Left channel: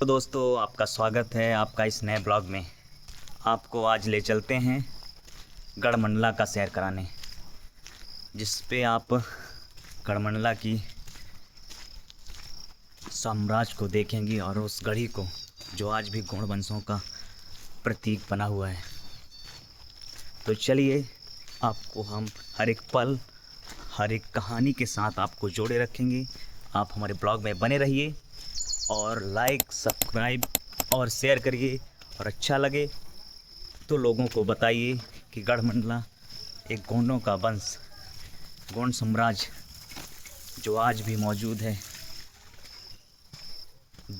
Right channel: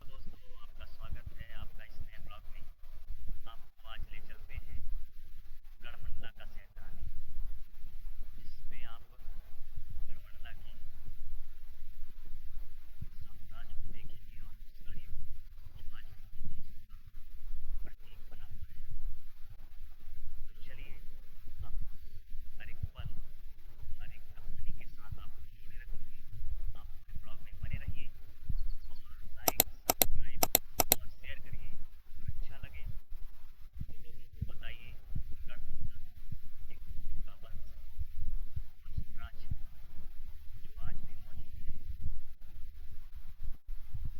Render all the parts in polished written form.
तो दोस्तों, आपका स्वागत है आपका इस नए ब्लॉग में। आपको आज ले चलते हैं गढ़मंडला का सैर कराने, जिस पे आप गढ़मंडला की साम्राज्य को देखेंगे और उस गढ़ी को जो आज भी गौड़ वंशों का प्रतीक बना हुआ है। तो चलिए, आपको हम हर एक पल, हर एक कहानी के साथ आपको जोड़े रखेंगे। आप हमारे ब्लॉग में बने रहिए और लाइक, सब्सक्राइब और शेयर करिए। और अच्छा लगे तो लोगों को बताइए कि गढ़मंडला एक गोंडों का वंश, गोंड साम्राज्य जो आज भी मौजूद है।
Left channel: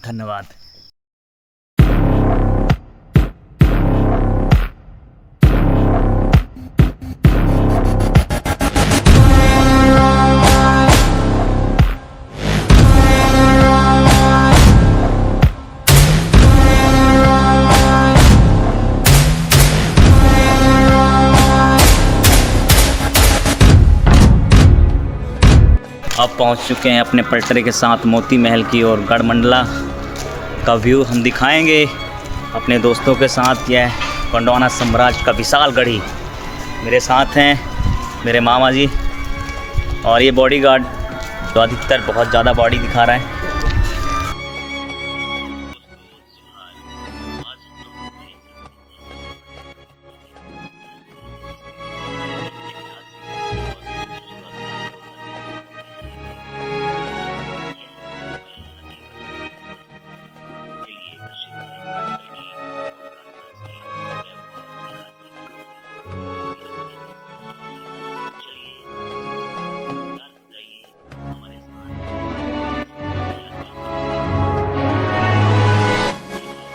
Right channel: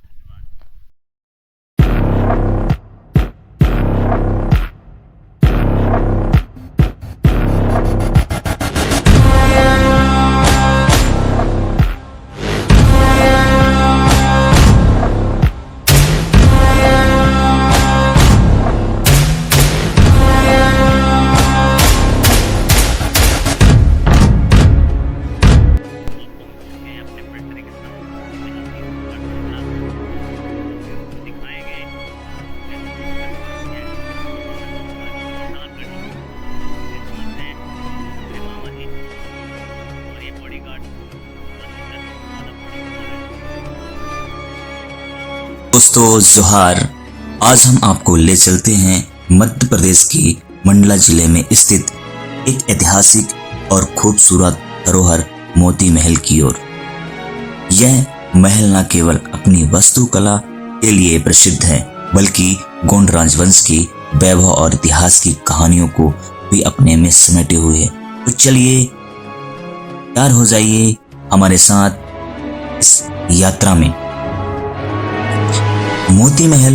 धन्यवाद। अब पहुंच चुके हैं अपने पलटरे के साथ मोती महल की और गढ़मंडला का व्यू हम दिखाएंगे अपने दोस्तों के साथ। यह गोंडवाना साम्राज्य का विशाल गढ़ी मेरे साथ हैं, मेरे मामा जी और ये बॉडीगार्ड जो अधिकतर बहुत ज़्यादा बॉडी दिखा रहा है। दोस्तों जोहार, आज हम आपको ले चलते हैं मध्य प्रदेश के मंडला जिले में स्थित एक ऐतिहासिक और खूबसूरत धरोहर मोती महल की ओर। यह महल न केवल अपनी वास्तुकला के लिए प्रसिद्ध है, बल्कि गोंड राजवंश की वैभव और इतिहास की कहानियों को भी अपने में समेटे हुए है। तो चलिए, तैयार हो जाइए हमारे साथ इस यात्रा में। मोती महल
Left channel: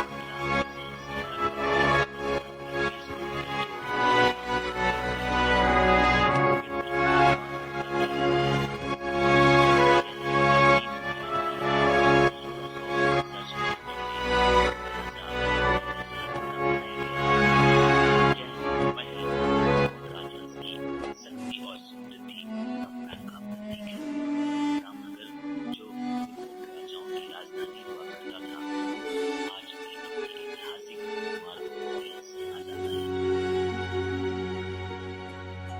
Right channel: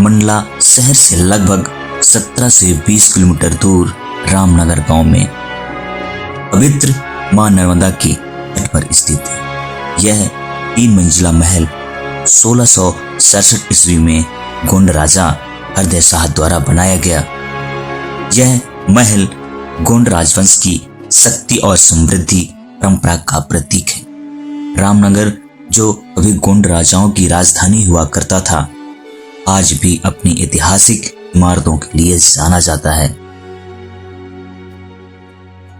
मंडला शहर से लगभग 17 से 20 किलोमीटर दूर रामनगर गांव में पवित्र मां नर्मदा के तट पर स्थित है। यह 3 मंजिला महल 1667 ईस्वी में गोंड राजा हरदय शाह द्वारा बनाया गया। यह महल गोंड राजवंश की शक्ति और समृद्धि परंपरा का प्रतीक है। रामनगर, जो अभी गोंड राजाओं की राजधानी हुआ करता था, आज भी अपनी ऐतिहासिक इमारतों के लिए जाना जाता है।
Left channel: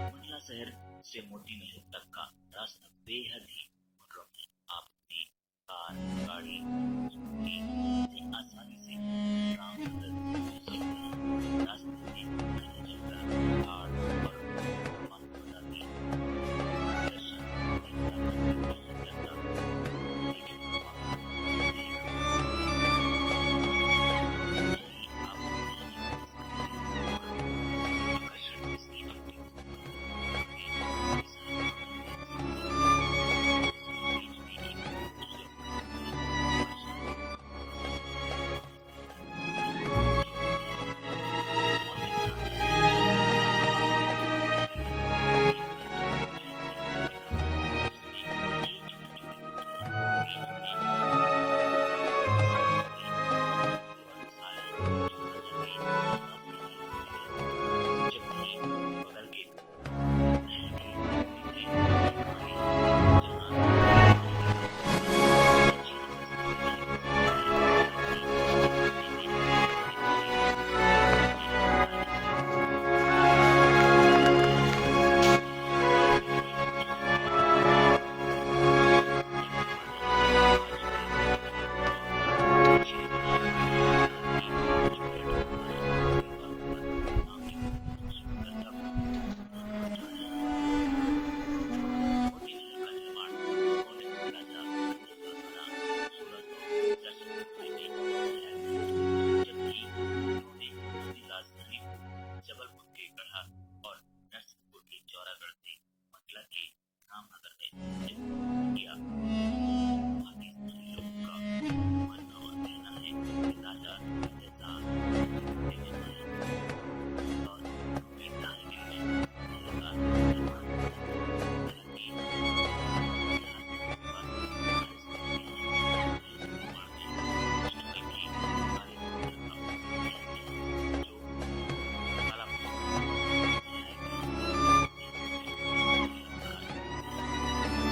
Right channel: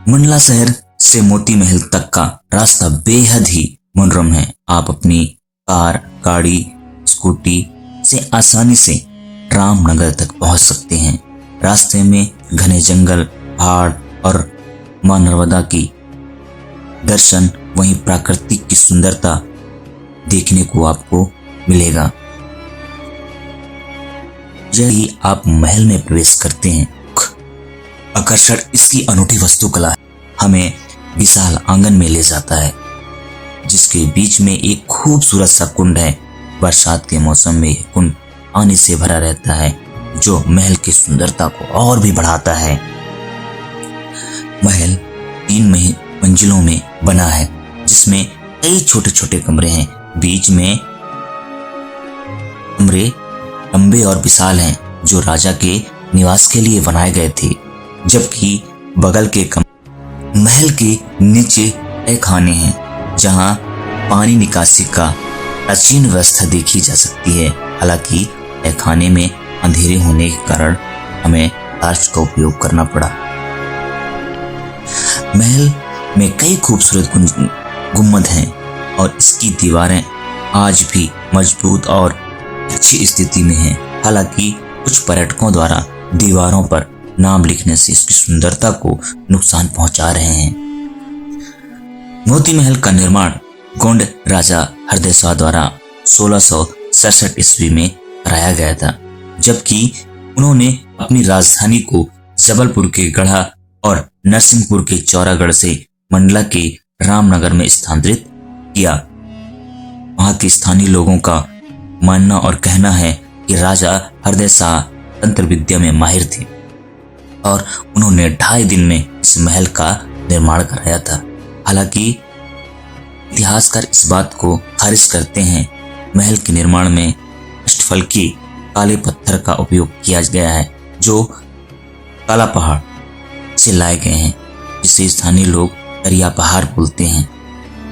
मंडला शहर से मोती महल तक का रास्ता बेहद ही मनोरम है। आप अपनी कार, गाड़ी, स्कूटी से आसानी से रामनगर तक पहुंच सकते हैं। रास्ते में घने जंगल, पहाड़ और मां नर्मदा की दर्शन, वहीं प्राकृतिक की सुंदरता देखने को आपको मिलेगा। यदि आप महल में प्रवेश करते हैं, आकर्षण इसकी अनूठी वास्तुकला हमें विशाल आंगन में ले जाता है, जिसके बीच में एक खूबसूरत सा कुंड है। बरसात के मौसम में यह कुंड पानी से भरा रहता है, जो महल की सुंदरता को और भी बढ़ाता है। महल 3 मंजिलों में बना है, जिसमें कई छोटे छोटे कमरे हैं। बीच में कमरे लंबे और विशाल हैं, जो राजा के निवास के लिए बनाए गए थे, जबकि बगल के महल के नीचे कई खाने हैं, जहां पानी निकासी का प्राचीन व्यवस्था देखी जा सकती है। हालांकि यह खाने में अंधेरे होने के कारण हमें टॉर्च का उपयोग करना पड़ा। महल में कई खूबसूरत गुंबद हैं और इसकी दीवारें आज भी मजबूत और अच्छी स्थिति में हैं। हालांकि कुछ पर्यटकों द्वारा दीवारों पर नाम लिखने से इसकी सुंदरता को नुकसान पहुंचा रहे हैं। मोती महल का निर्माण गोंड राजा हरदय शाह द्वारा 1667 ईस्वी में कराया गया था, जबकि उन्होंने अपनी राजधानी को जबलपुर के गढ़ा और नरसिंहपुर के चौरागढ़ से मंडला के रामनगर में स्थानांतरित किया। वहां के स्थानीय लोगों का मानना और कहना है कि राजा हरदय शाह तंत्र विद्या में माहिर थे और उन्होंने 2.5 दिन में इस महल का निर्माण कराया था। हालांकि इतिहासकार इस बात को खारिज करते हैं। महल के निर्माण में अष्टफलकी काले पत्थर का उपयोग किया गया है, जो काला पहाड़ से लाए गए हैं, जिसे स्थानीय लोग दरिया पहाड़ बोलते हैं।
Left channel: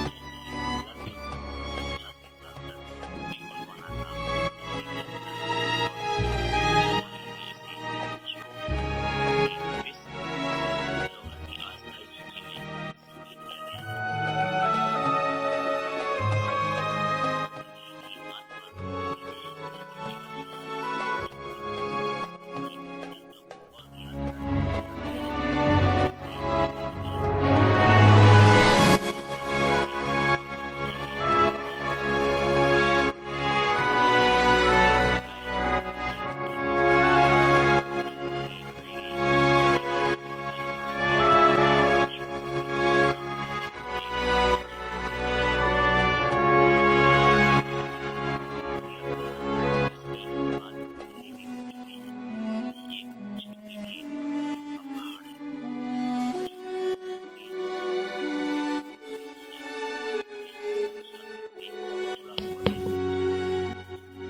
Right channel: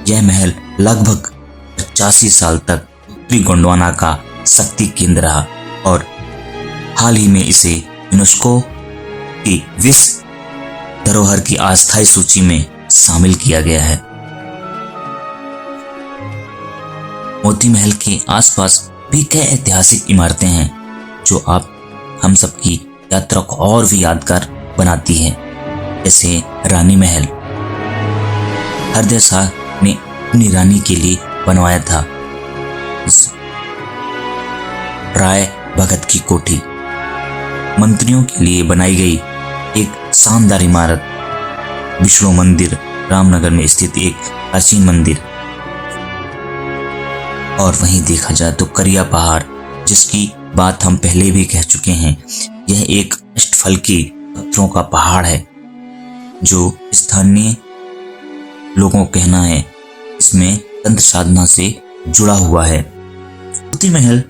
यह महल लगभग 85 साल तक उत्तरी गोंडवाना का शक्ति केंद्र रहा और हाल ही में इसे यूनेस्को की विश्व धरोहर की अस्थायी सूची में शामिल किया गया है। मोती महल के आसपास भी कई ऐतिहासिक इमारतें हैं जो हम सबकी यात्रा को और भी यादगार बनाती हैं, जैसे रानी महल। हरदय शाह ने अपनी रानी के लिए बनवाया था इस राय भगत की कोठी। मंत्रियों के लिए बनाई गई एक शानदार इमारत विष्णु मंदिर, रामनगर में स्थित एक प्राचीन मंदिर। और वहीं देखा जाए तो करिया पहाड़, जिसकी बात हम पहले भी कह चुके हैं, यह एक अष्टफल के पत्थरों का पहाड़ है जो स्थानीय लोगों का कहना है इसमें तंत्र साधना से जुड़ा हुआ है। मोती महल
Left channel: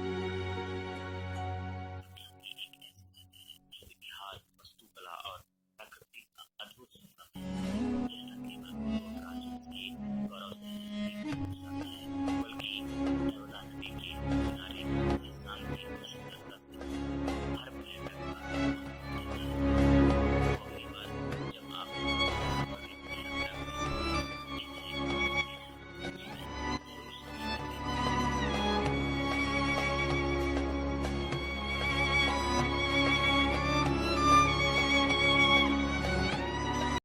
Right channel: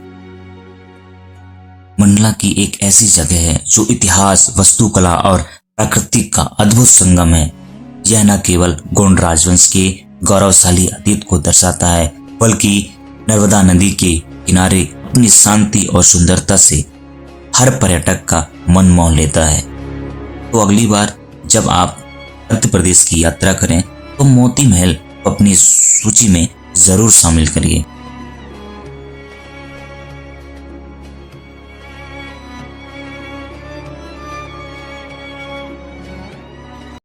मंडला की एक ऐसी जगह है जो इतिहास, वास्तुकला और प्रकृति का अद्भुत संगम है। यह न केवल गोंड राजवंश के गौरवशाली अतीत को दर्शाता है, बल्कि नर्मदा नदी के किनारे अपनी शांति और सुंदरता से हर पर्यटक का मन मोह लेता है। तो अगली बार जब आप मध्य प्रदेश की यात्रा करें तो मोती महल अपनी सूची में जरूर शामिल करिए।